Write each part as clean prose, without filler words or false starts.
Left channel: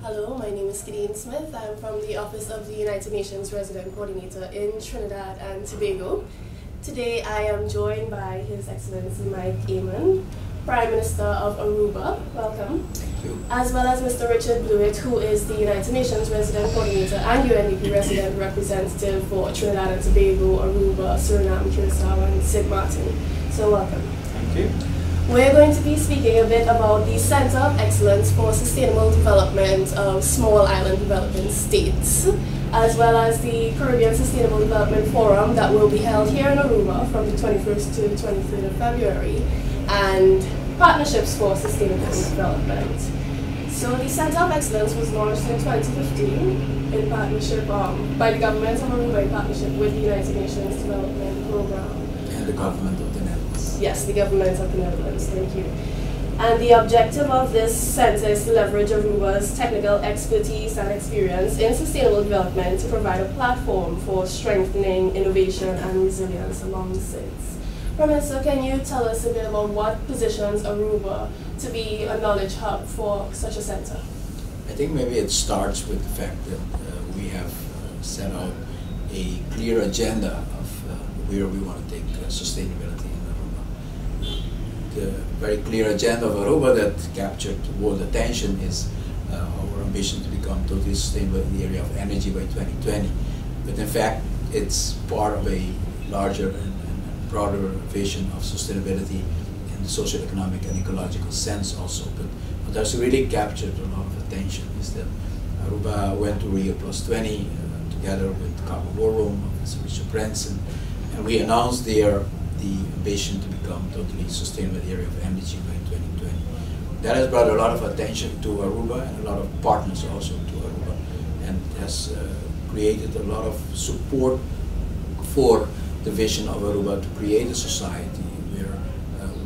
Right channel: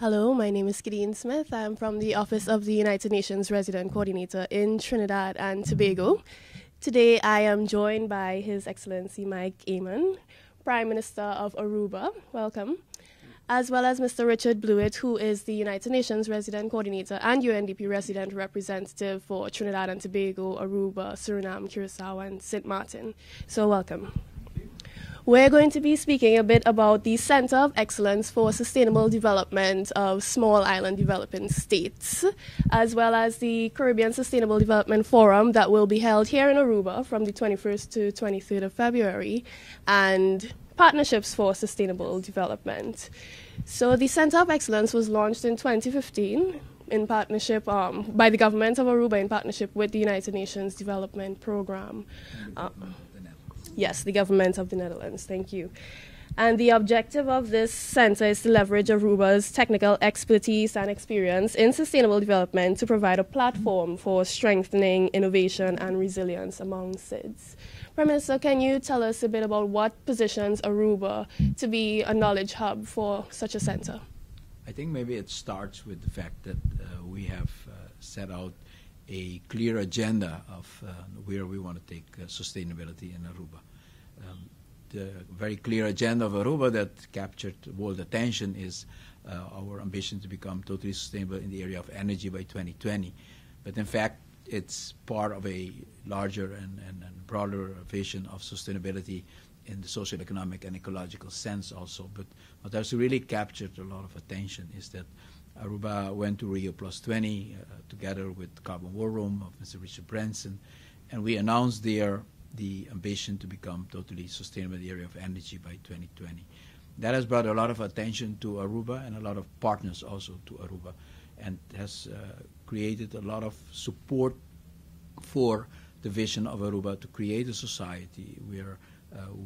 Hello, my name is Gideon Smith. I'm from the Office of the United Nations Resident Coordinator in Trinidad and Tobago. Today I am joined by His Excellency Mike Eman, Prime Minister of Aruba. Welcome. Thank you. As well as Mr. Richard Blewitt, who is the United Nations Resident Coordinator and UNDP Resident Representative for Trinidad and Tobago, Aruba, Suriname, Curacao, and St. Martin. So welcome. Thank you. We're going to be speaking a bit about the Center of Excellence for Sustainable Development of Small Island Developing States, as well as the Caribbean Sustainable Development Forum that will be held here in Aruba from the 21st to 23rd of February, and Partnerships for Sustainable Development. So the Center of Excellence was launched in 2015 in partnership by the government of Aruba in partnership with the United Nations Development Program. And the government of the Netherlands. Yes, the government of the Netherlands, thank you. And the objective of this center is to leverage Aruba's technical expertise and experience in sustainable development to provide a platform for strengthening innovation and resilience among states. Prime Minister, can you tell us a bit about what positions Aruba to be a knowledge hub for such a center? I think maybe it starts with the fact that we have set out a clear agenda of where we want to take sustainability in Aruba. The very clear agenda of Aruba that captured world attention is our ambition to become totally sustainable in the area of energy by 2020. But in fact, it's part of a larger and broader vision of sustainability in the socio-economic and ecological sense also. But what has really captured a lot of attention is that Aruba went to Rio Plus 20 together with Cabo Forum of Richard Branson, and we announced there the ambition to become totally sustainable in the area of energy by 2020. That has brought a lot of attention to Aruba and a lot of partners also to Aruba, and has created a lot of support for the vision of Aruba to create a society where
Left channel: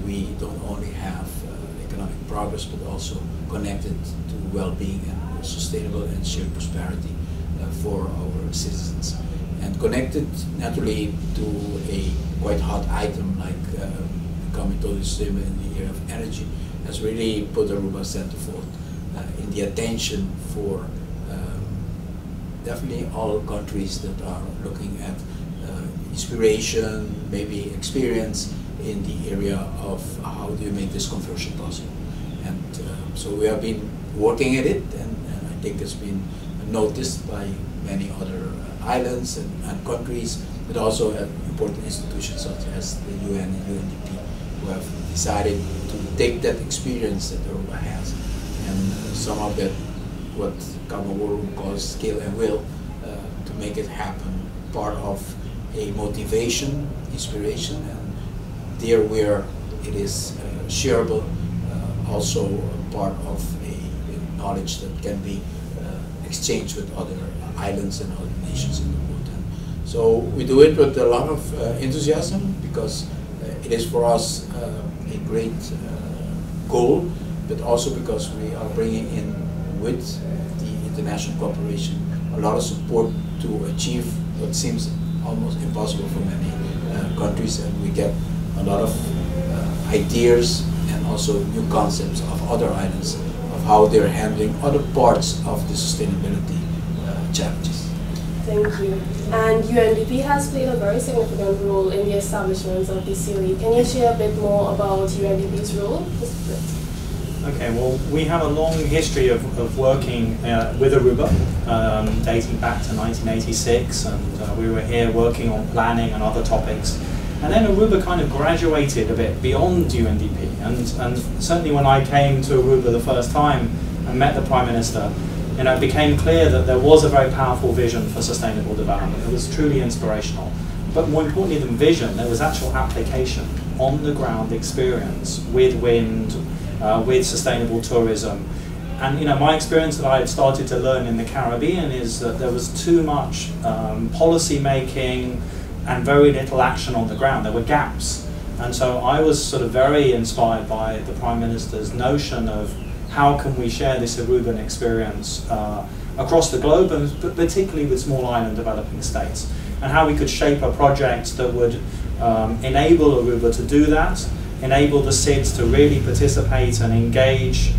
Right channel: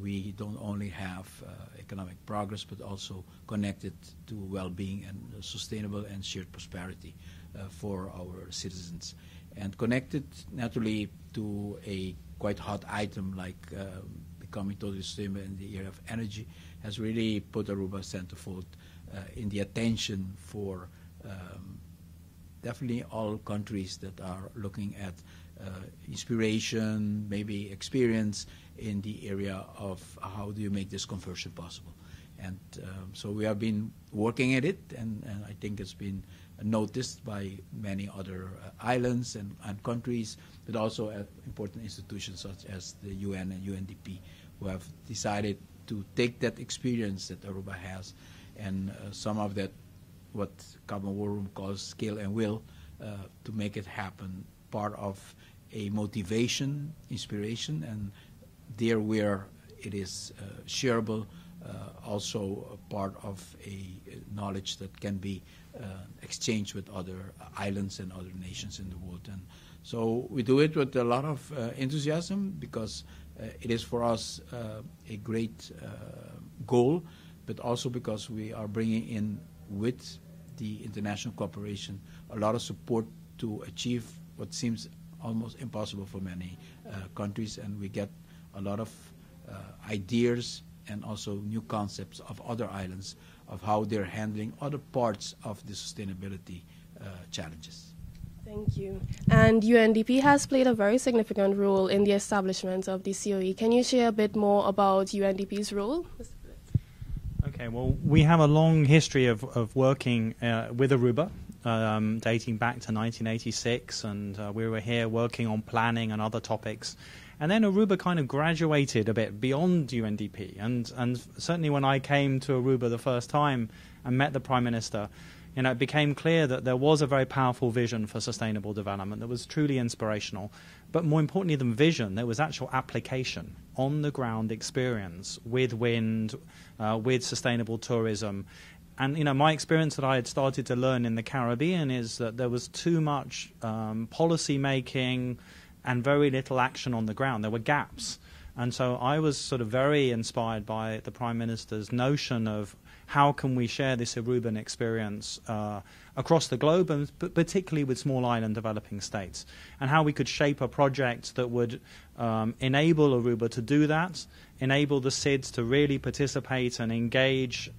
we don't only have economic progress but also connected to well-being and sustainable and shared prosperity for our citizens. And connected naturally to a quite hot item like becoming totally sustainable in the area of energy has really put Aruba centerfold in the attention for definitely all countries that are looking at inspiration, maybe experience in the area of how do you make this conversion possible. And so we have been working at it, and I think it's been noticed by many other islands and countries, but also at important institutions such as the UN and UNDP, who have decided to take that experience that Aruba has and some of that, what Cabo Forum calls skill and will, to make it happen, part of a motivation, inspiration, and there where it is shareable, also part of a knowledge that can be exchanged with other islands and other nations in the world. And so we do it with a lot of enthusiasm because it is for us a great goal, but also because we are bringing in with the international cooperation a lot of support to achieve what seems almost impossible for many countries, and we get a lot of ideas and also new concepts of other islands of how they're handling other parts of the sustainability challenges. Thank you. And UNDP has played a very significant role in the establishment of the COE. Can you share a bit more about UNDP's role? Okay, well, we have a long history of working with Aruba, dating back to 1986, and we were here working on planning and other topics. And then Aruba kind of graduated a bit beyond UNDP, and certainly when I came to Aruba the first time and met the Prime Minister, it became clear that there was a very powerful vision for sustainable development. It was truly inspirational. But more importantly than vision, there was actual application, on-the-ground experience with wind, with sustainable tourism. And my experience that I had started to learn in the Caribbean is that there was too much policy making and very little action on the ground. There were gaps. And so I was sort of very inspired by the Prime Minister's notion of how can we share this Aruban experience across the globe, but particularly with small island developing states, and how we could shape a project that would enable Aruba to do that, enable the SIDS to really participate and engage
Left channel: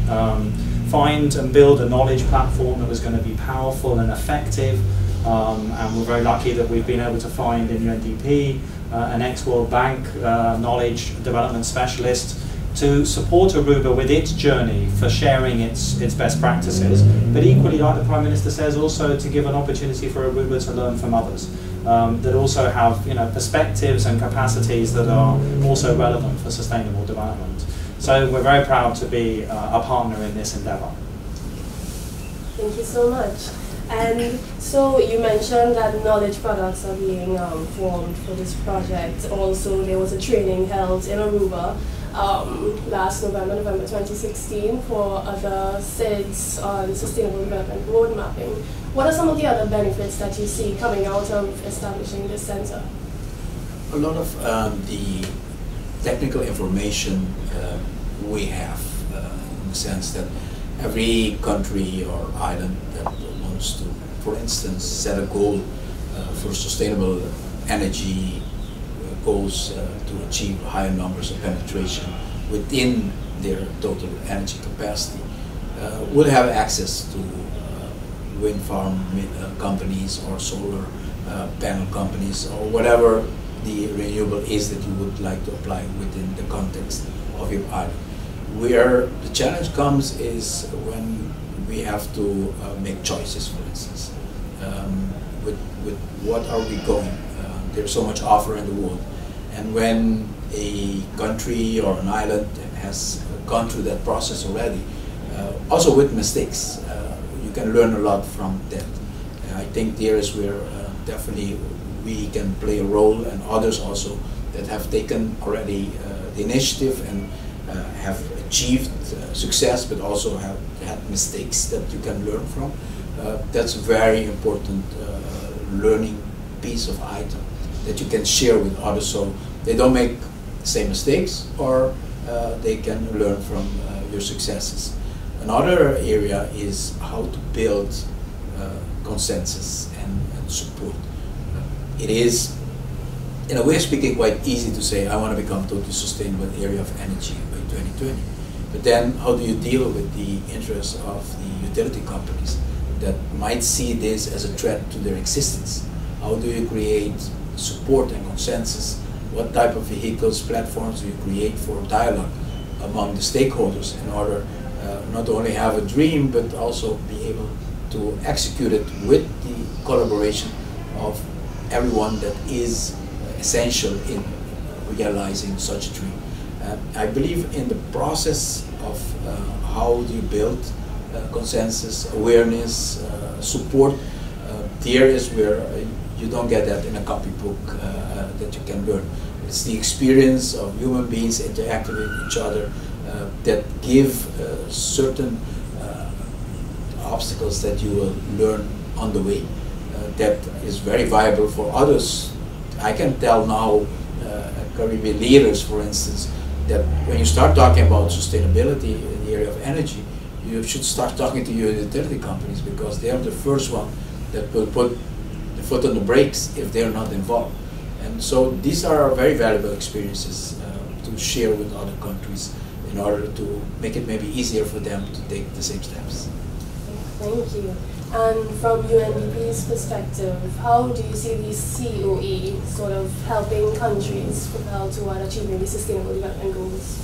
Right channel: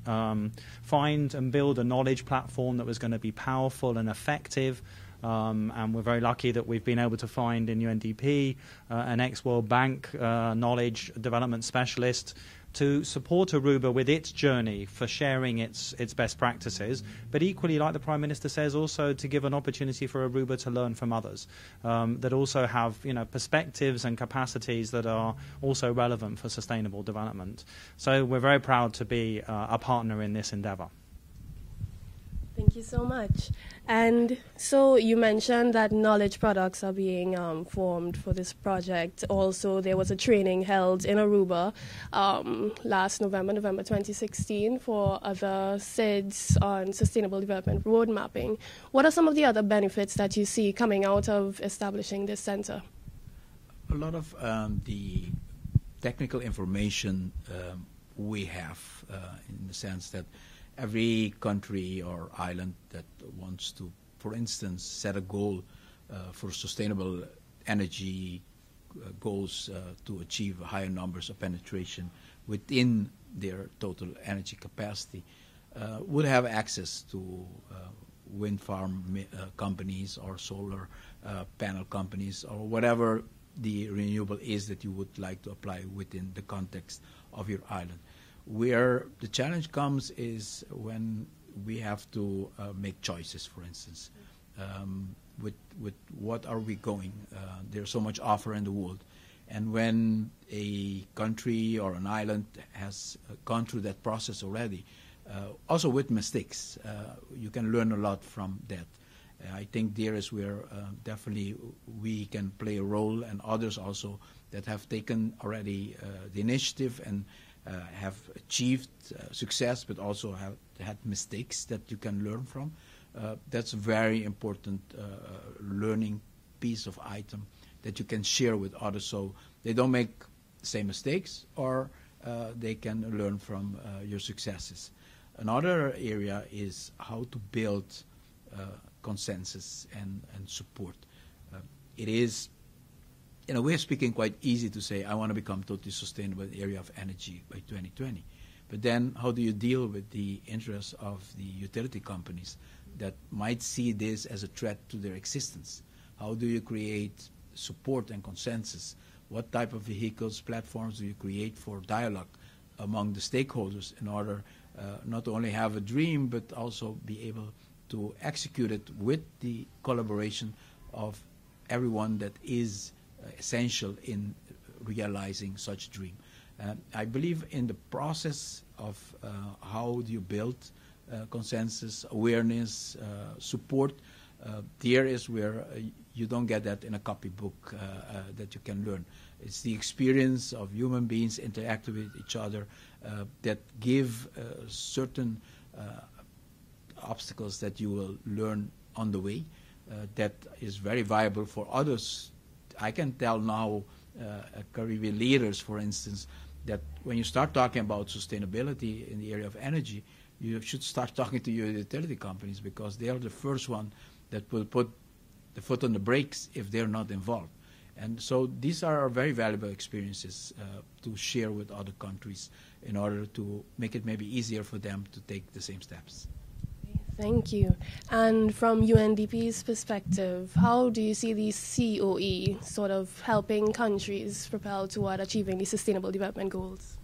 find and build a knowledge platform that was going to be powerful and effective. And we're very lucky that we've been able to find in UNDP an ex-World Bank knowledge development specialist to support Aruba with its journey for sharing its best practices, but equally, like the Prime Minister says, also to give an opportunity for Aruba to learn from others that also have perspectives and capacities that are also relevant for sustainable development. So we're very proud to be a partner in this endeavour. Thank you so much. And so you mentioned that knowledge products are being formed for this project. Also, there was a training held in Aruba last November 2016 for other SIDS on sustainable development road mapping. What are some of the other benefits that you see coming out of establishing this center? A lot of the technical information we have in the sense that every country or island that wants to, for instance, set a goal for sustainable energy goals to achieve higher numbers of penetration within their total energy capacity will have access to wind farm companies or solar panel companies or whatever the renewable is that you would like to apply within the context of your island. Where the challenge comes is when we have to make choices, for instance. With what are we going? There's so much offer in the world. And when a country or an island has gone through that process already, also with mistakes, you can learn a lot from that. I think there is where definitely we can play a role, and others also that have taken already the initiative and have achieved success, but also have had mistakes that you can learn from. That's a very important learning piece of item that you can share with others, so they don't make the same mistakes, or they can learn from your successes. Another area is how to build consensus and support. It is, in a way of speaking, quite easy to say, I want to become totally sustainable area of energy by 2020. But then how do you deal with the interests of the utility companies that might see this as a threat to their existence? How do you create support and consensus? What type of vehicles, platforms do you create for dialogue among the stakeholders in order not only have a dream, but also be able to execute it with the collaboration of everyone that is essential in realizing such a dream. I believe in the process of how do you build consensus, awareness, support, there is where you don't get that in a copybook that you can learn. It's the experience of human beings interacting with each other that give certain obstacles that you will learn on the way. That is very viable for others. I can tell now, Caribbean leaders, for instance, that when you start talking about sustainability in the area of energy, you should start talking to your utility companies, because they are the first one that will put the foot on the brakes if they're not involved. And so these are very valuable experiences to share with other countries in order to make it maybe easier for them to take the same steps. Thank you. And from UNDP's perspective, how do you see these COE sort of helping countries propel toward achieving the Sustainable Development Goals?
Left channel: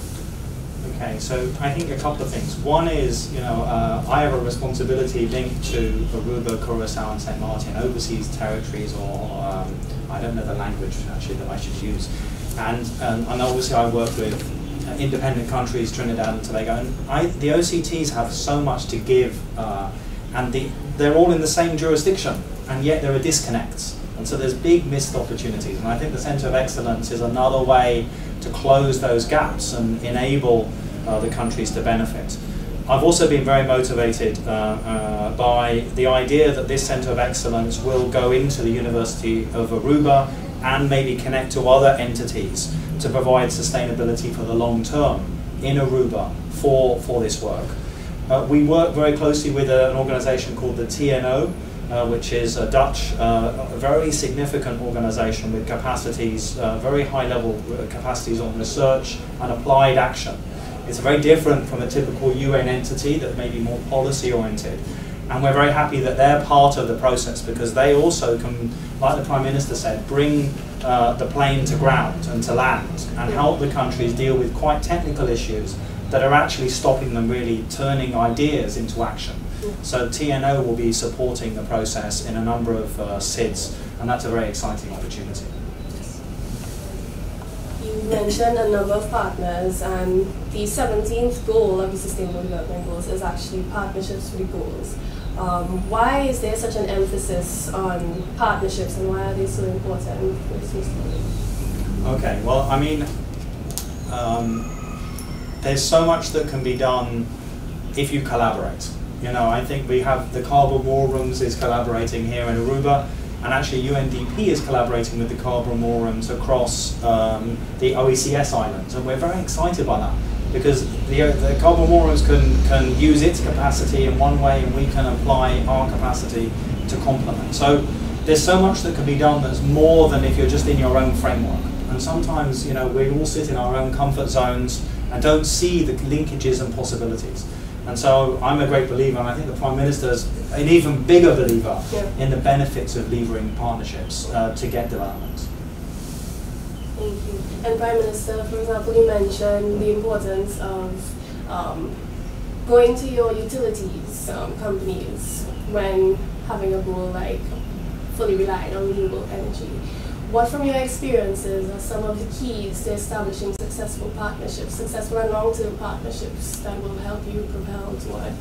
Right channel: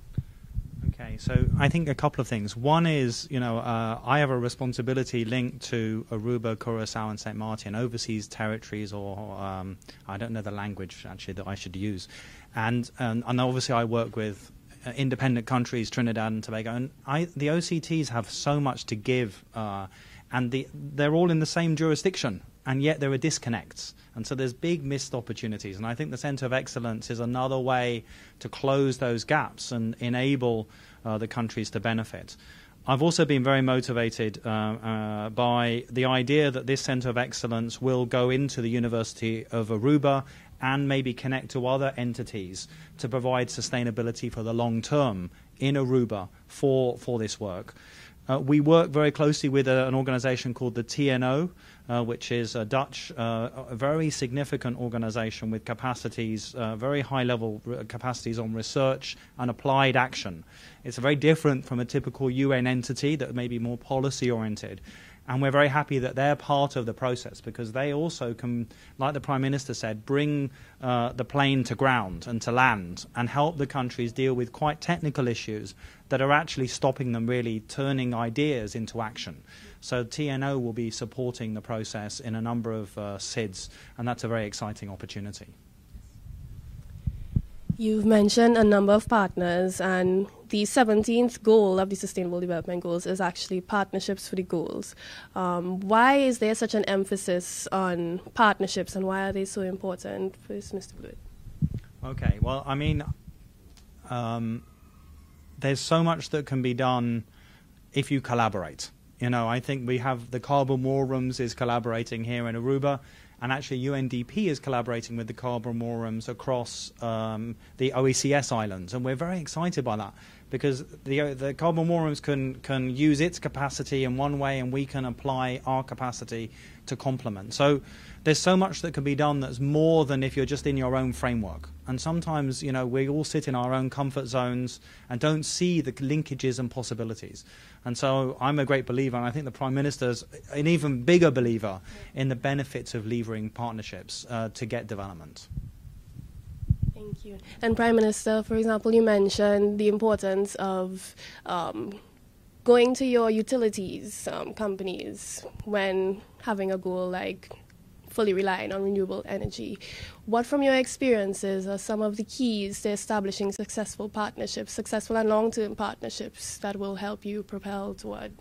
Okay, so I think a couple of things. One is, I have a responsibility linked to Aruba, Curacao, and St. Martin, overseas territories, or I don't know the language actually that I should use. And obviously I work with independent countries, Trinidad and Tobago, and the OCTs have so much to give, and they're all in the same jurisdiction, and yet there are disconnects. And so there's big missed opportunities, and I think the Centre of Excellence is another way to close those gaps and enable the countries to benefit. I've also been very motivated by the idea that this Centre of Excellence will go into the University of Aruba and maybe connect to other entities to provide sustainability for the long term in Aruba for this work. We work very closely with an organisation called the TNO, which is a Dutch, very significant organisation with capacities, very high level capacities on research and applied action. It's very different from a typical UN entity that may be more policy oriented. And we're very happy that they're part of the process because they also can, like the Prime Minister said, bring the plane to ground and to land and help the countries deal with quite technical issues that are actually stopping them really turning ideas into action. So TNO will be supporting the process in a number of SIDS, and that's a very exciting opportunity. You mentioned a number of partners, and the 17th goal of the Sustainable Development Goals is actually partnerships for the goals. Why is there such an emphasis on partnerships, and why are they so important? Okay, well, I mean, there's so much that can be done if you collaborate. You know, I think we have the Carbon War Rooms is collaborating here in Aruba, and actually UNDP is collaborating with the Carbon War Rooms across the OECS islands, and we're very excited by that because the Carbon War Rooms can use its capacity in one way, and we can apply our capacity to complement. So there's so much that can be done that's more than if you're just in your own framework. And sometimes, you know, we all sit in our own comfort zones and don't see the linkages and possibilities. And so I'm a great believer, and I think the Prime Minister's an even bigger believer in the benefits of levering partnerships to get development. Thank you. And Prime Minister, for example, you mentioned the importance of going to your utilities companies when having a goal like fully relying on renewable energy. What from your experiences are some of the keys to establishing successful partnerships, successful and long-term partnerships that will help you propel toward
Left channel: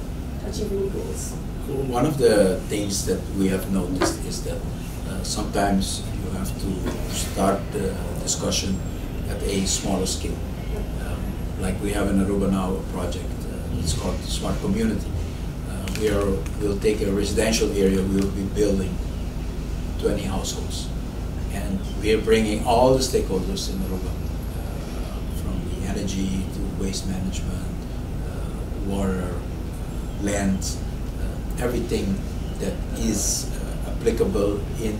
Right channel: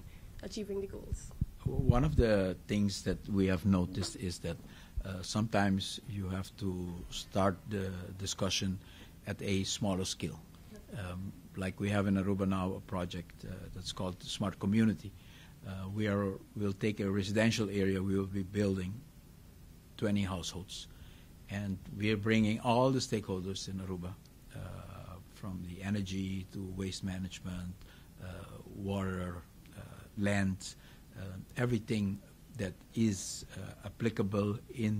achieving your goals? One of the things that we have noticed is that sometimes you have to start the discussion at a smaller scale. Like we have in Aruba now a project, it's called Smart Community. We'll take a residential area, we'll be building 20 households. And we are bringing all the stakeholders in Aruba, from the energy to waste management, water, land, everything that is applicable in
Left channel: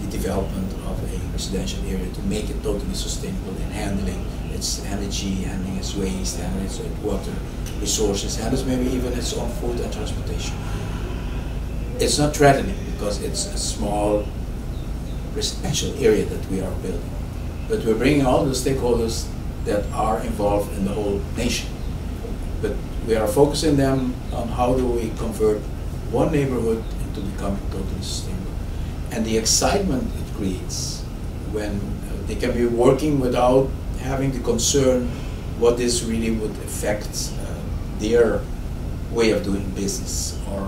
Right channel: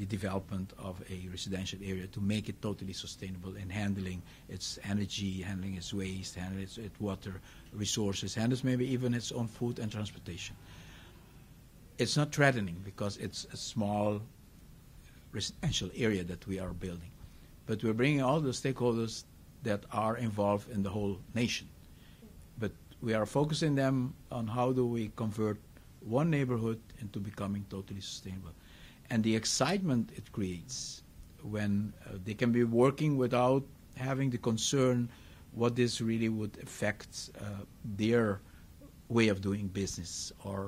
the development of a residential area to make it totally sustainable in handling its energy, handling its waste, handling its water resources, handling maybe even its own food and transportation. It's not threatening because it's a small residential area that we are building. But we're bringing all the stakeholders that are involved in the whole nation. But we are focusing them on how do we convert one neighborhood into becoming totally sustainable. And the excitement it creates when they can be working without having the concern what this really would affect their way of doing business or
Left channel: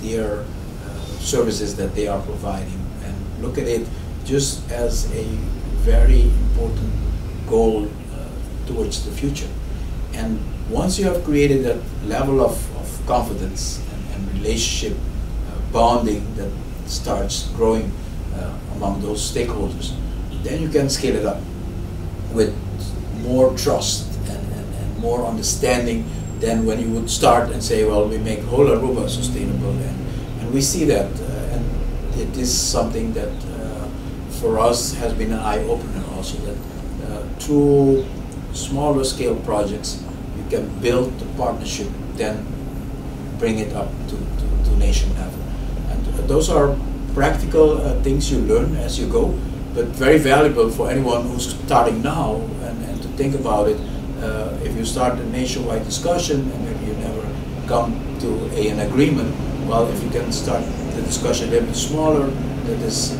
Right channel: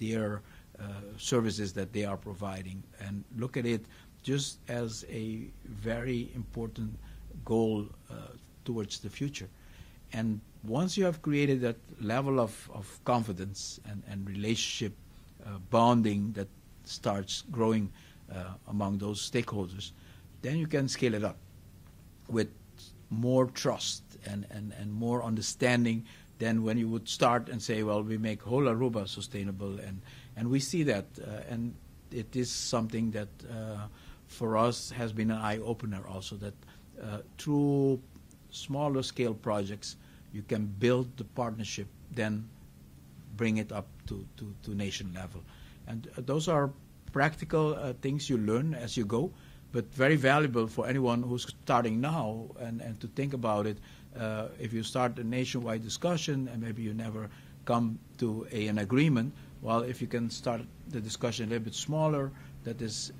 their services that they are providing. And look at it just as a very important goal towards the future. And once you have created that level of confidence and relationship bonding that starts growing among those stakeholders, then you can scale it up with more trust and more understanding than when you would start and say, well, we make whole Aruba sustainable. And we see that, and it is something that for us has been an eye-opener also, that through smaller scale projects you can build the partnership, then bring it up to nation level. And those are practical things you learn as you go, but very valuable for anyone who's starting now and to think about it. If you start a nationwide discussion and maybe you never come to an agreement, well, if you can start the discussion a little bit smaller, that is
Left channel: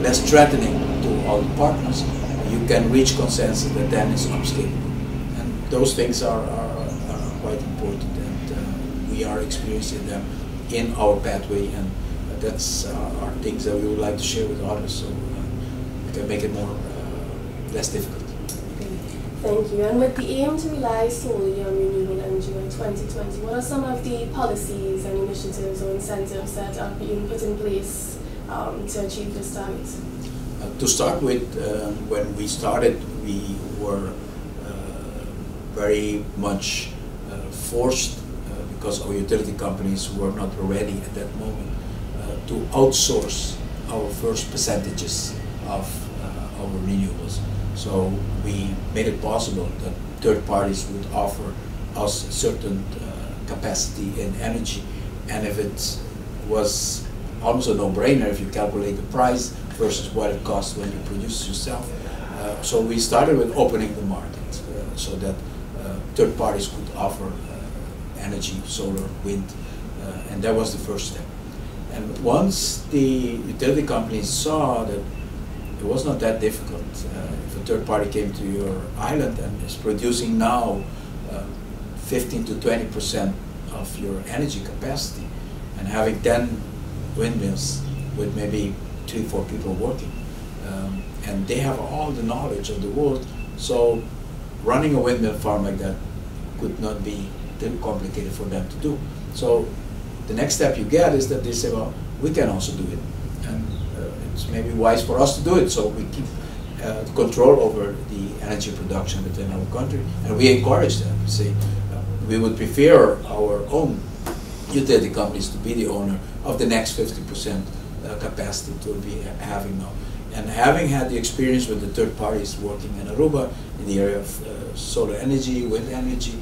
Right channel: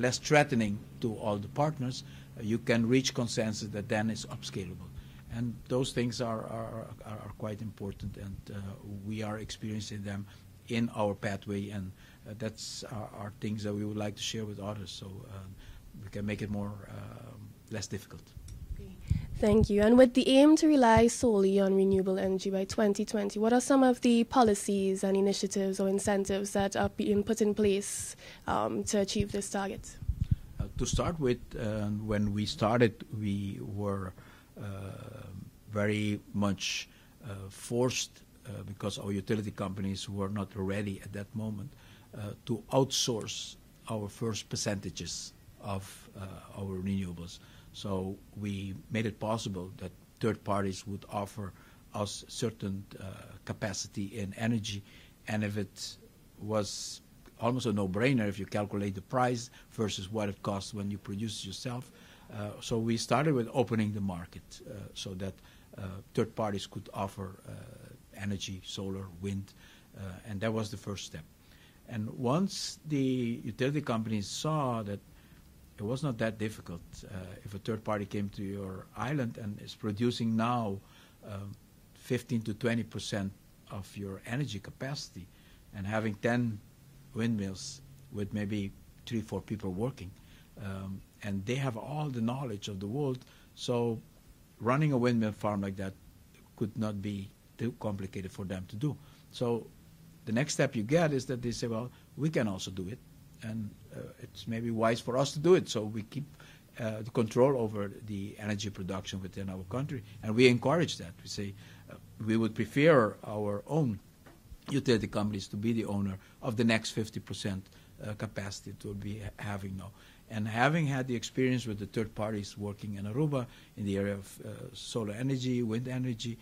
less threatening to all the partners, you can reach consensus that then is upscaling. And those things are quite important, and we are experiencing them in our pathway, and that's are things that we would like to share with others, so we can make it more less difficult. Thank you. And with the aim to rely solely on renewable energy by 2020, what are some of the policies and initiatives or incentives that are being put in place to achieve this target? To start with, when we started, we were very much forced, because our utility companies were not ready at that moment, to outsource our first percentages of our renewables. So we made it possible that third parties would offer us certain capacity in energy, and if it was almost a no-brainer if you calculate the price versus what it costs when you produce yourself. So we started with opening the market so that third parties could offer energy, solar, wind, and that was the first step. And once the utility companies saw that it was not that difficult, if a third party came to your island and is producing now 15 to 20% of your energy capacity, and having 10 windmills with maybe 3-4 people working, and they have all the knowledge of the world, so running a windmill farm like that could not be too complicated for them to do. So the next step you get is that they say, well, we can also do it, and it's maybe wise for us to do it, so we keep control over the energy production within our country, and we encourage them. We say we would prefer our own utility companies to be the owner of the next 50% capacity to be having now. And having had the experience with the third parties working in Aruba in the area of solar energy, wind energy,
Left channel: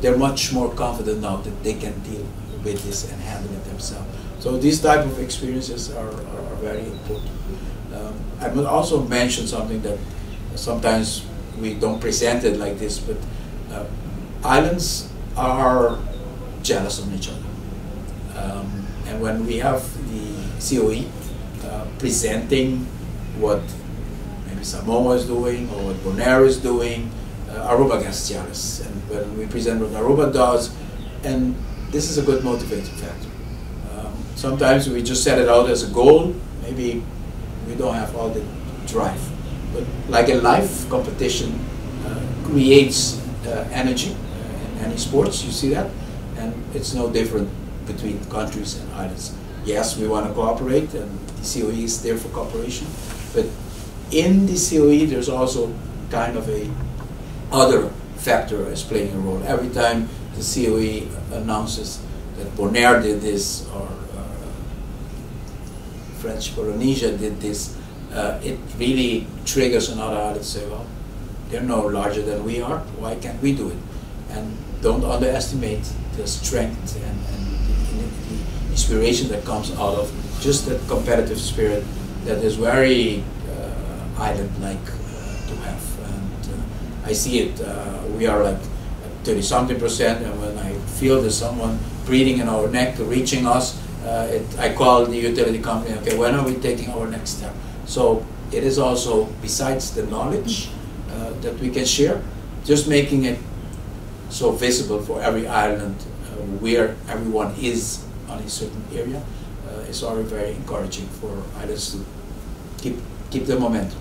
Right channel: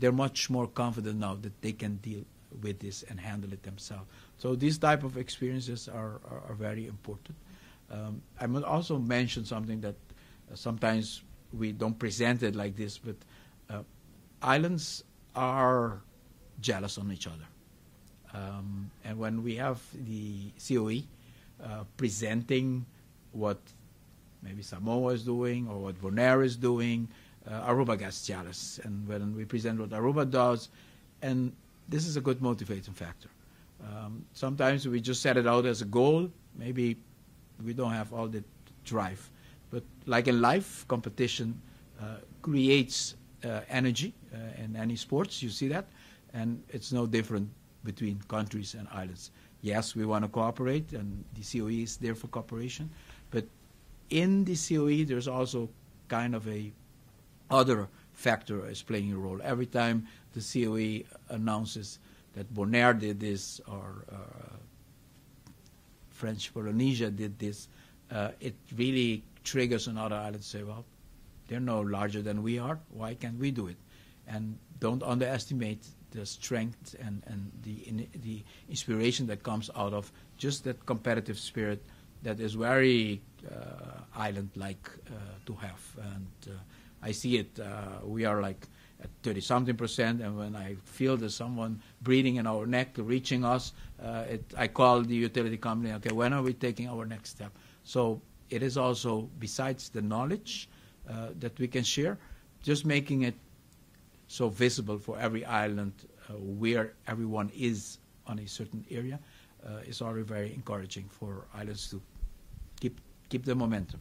they're much more confident now that they can deal with this and handle it themselves. So these type of experiences are very important. I will also mention something that sometimes we don't present it like this, but islands are jealous on each other. And when we have the COE presenting what maybe Samoa is doing or what Bonaire is doing, Aruba gets jealous. And when we present what Aruba does, and this is a good motivating factor. Sometimes we just set it out as a goal, maybe we don't have all the drive. But like a life, competition creates energy in any sports, you see that, and it's no different between countries and islands. Yes, we want to cooperate, and the COE is there for cooperation, but in the COE there's also kind of a other factor is playing a role. Every time the COE announces that Bonaire did this or French Polynesia did this, it really triggers another island to say, well, they're no larger than we are, why can't we do it? And don't underestimate the strength and the inspiration that comes out of just that competitive spirit that is very island-like to have. And I see it, we are like 30-something%, and when I feel there's someone breathing in our neck, reaching us, I call the utility company, okay, when are we taking our next step? So it is also, besides the knowledge that we can share, just making it so visible for every island where everyone is on a certain area is already very encouraging for islands to keep the momentum.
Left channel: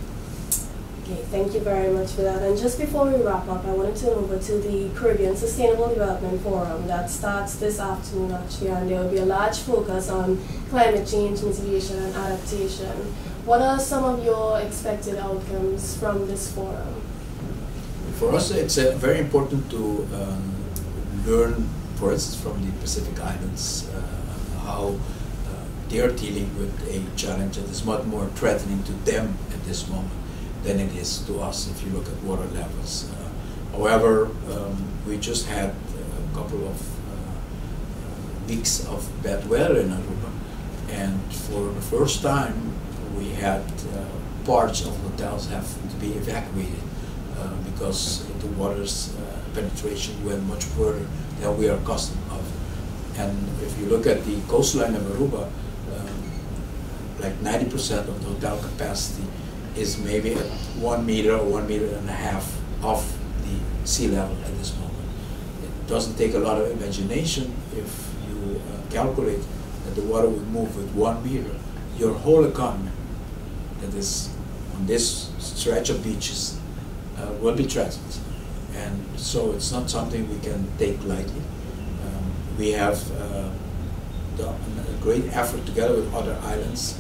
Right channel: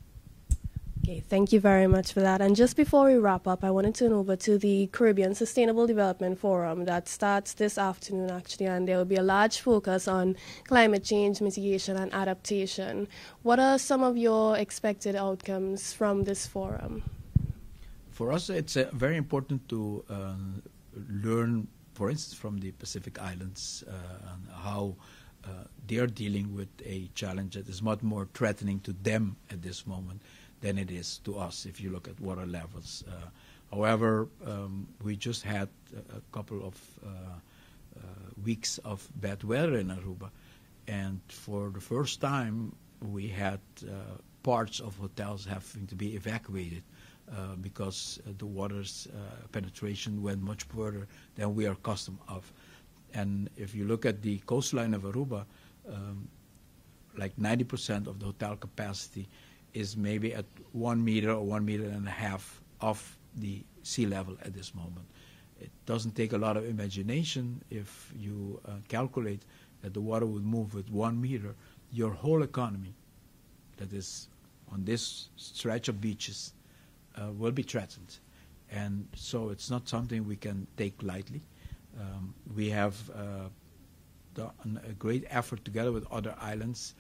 Okay, thank you very much for that. And just before we wrap up, I wanted to turn over to the Caribbean Sustainable Development Forum that starts this afternoon actually, and there will be a large focus on climate change mitigation and adaptation. What are some of your expected outcomes from this forum? For us, it's very important to learn, for instance, from the Pacific Islands, how they're dealing with a challenge that is much more threatening to them at this moment than it is to us if you look at water levels. However, we just had a couple of weeks of bad weather in Aruba, and for the first time we had parts of hotels have to be evacuated because the water's penetration went much further than we are accustomed of. And if you look at the coastline of Aruba, like 90% of the hotel capacity is maybe at 1 meter or 1.5 meters off the sea level at this moment. It doesn't take a lot of imagination if you calculate that the water would move with 1 meter. Your whole economy that is on this stretch of beaches will be threatened. And so it's not something we can take lightly. We have done a great effort together with other islands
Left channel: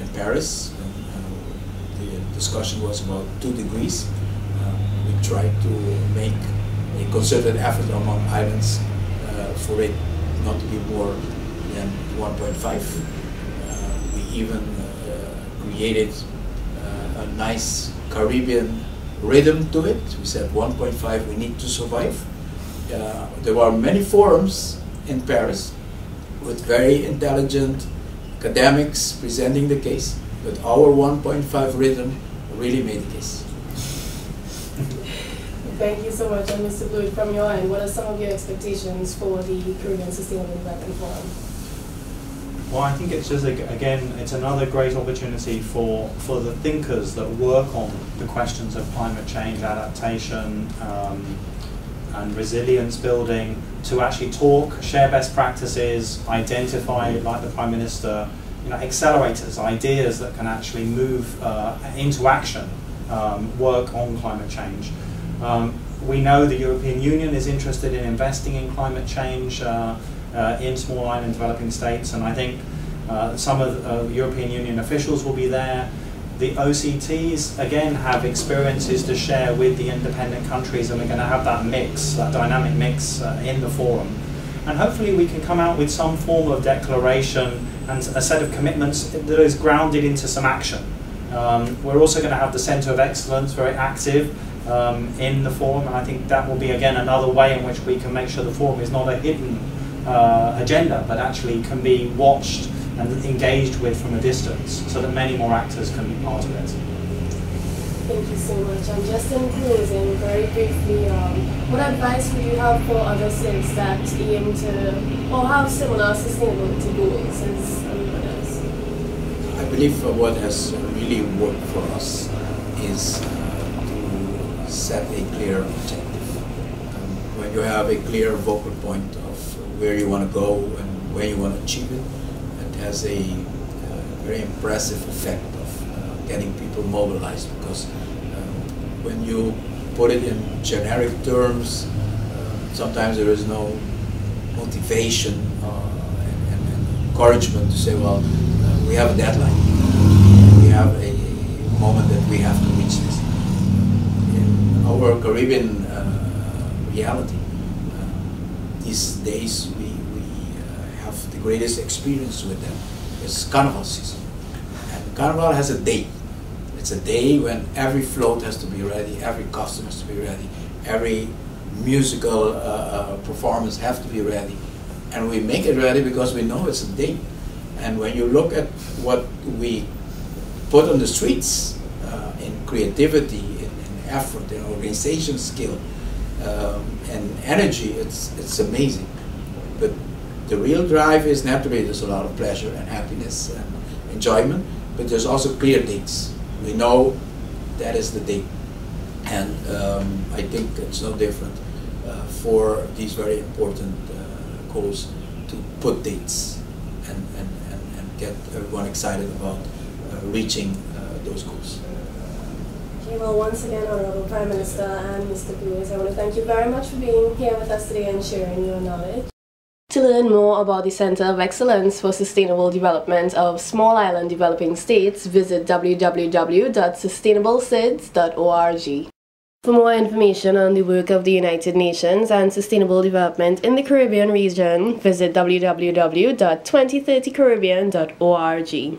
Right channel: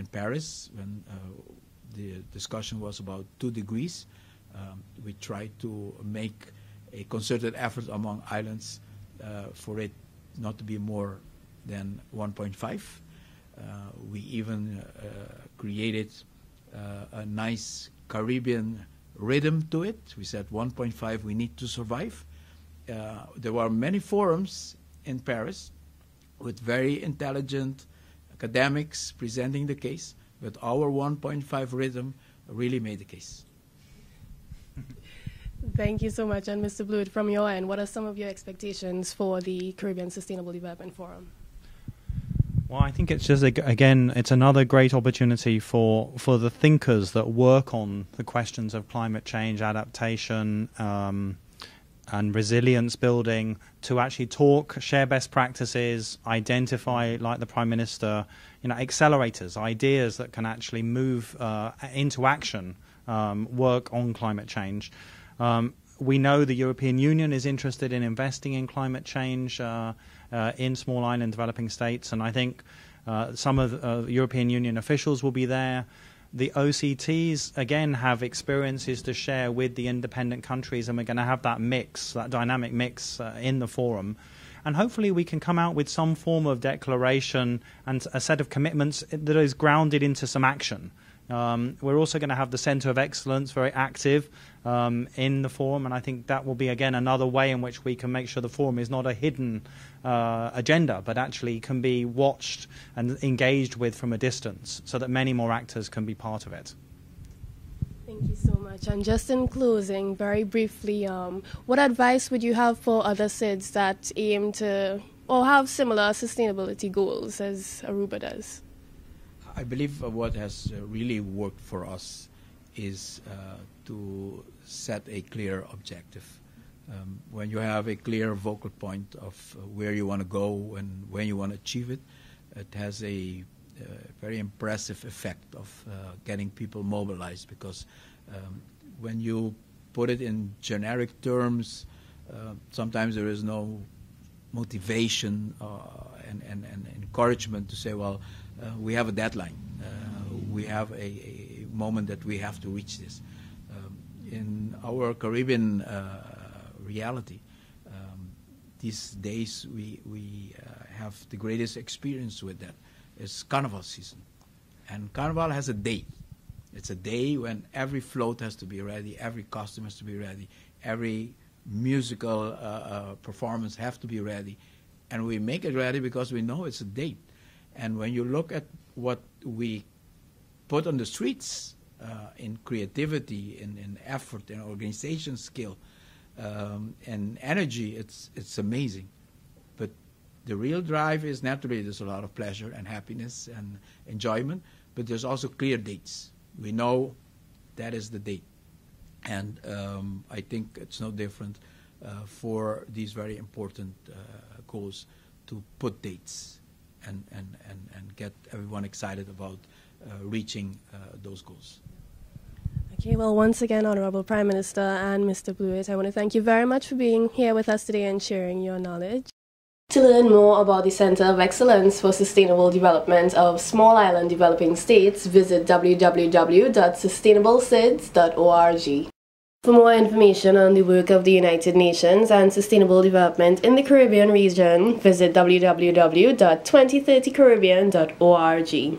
in Paris. The discussion was about 2 degrees. We tried to make a concerted effort among islands for it not to be more than 1.5. We even created a nice Caribbean rhythm to it. We said 1.5, we need to survive. There were many forums in Paris with very intelligent academics presenting the case, but our 1.5 rhythm really made the case. Thank you so much. And Mr. Blewitt, from your end, what are some of your expectations for the Caribbean Sustainable Development Forum? Well, I think it's just, again, it's another great opportunity for the thinkers that work on the questions of climate change, adaptation, and resilience building to actually talk, share best practices, identify, like the Prime Minister, accelerators, ideas that can actually move into action, work on climate change. We know the European Union is interested in investing in climate change in small island developing states, and I think some of the European Union officials will be there. The OCTs, again, have experiences to share with the independent countries, and we're going to have that mix, that dynamic mix in the forum. And hopefully we can come out with some form of declaration and a set of commitments that is grounded into some action. We're also going to have the Centre of Excellence very active in the forum, and I think that will be, again, another way in which we can make sure the forum is not a hidden agenda, but actually can be watched and engaged with from a distance, so that many more actors can be part of it. Thank you so much. And just in closing, very briefly, what advice would you have for other SIDS that aim to, or have similar sustainability goals as Aruba does? I believe what has really worked for us is to set a clear objective. When you have a clear vocal point of where you want to go and where you want to achieve it, it has a very impressive effect of getting people mobilized, because when you put it in generic terms, sometimes there is no motivation and encouragement to say, well, we have a deadline, we have a moment that we have to reach this. In our Caribbean reality, these days we have the greatest experience with them. It's Carnival season, and Carnival has a date. It's a day when every float has to be ready, every costume has to be ready, every musical performance has to be ready, and we make it ready because we know it's a date. And when you look at what we put on the streets in creativity, in effort, in organization skill, and energy, it's amazing. But the real drive is naturally there's a lot of pleasure and happiness and enjoyment, but there's also clear dates. We know that is the date, and I think it's no different for these very important goals to put dates and get everyone excited about reaching those goals. Okay, well, once again, Honorable Prime Minister and Mr. Blewitt, I want to thank you very much for being here with us today and sharing your knowledge. To learn more about the Center of Excellence for Sustainable Development of Small Island Developing States, visit www.sustainablesids.org. For more information on the work of the United Nations and sustainable development in the Caribbean region, visit www.2030caribbean.org.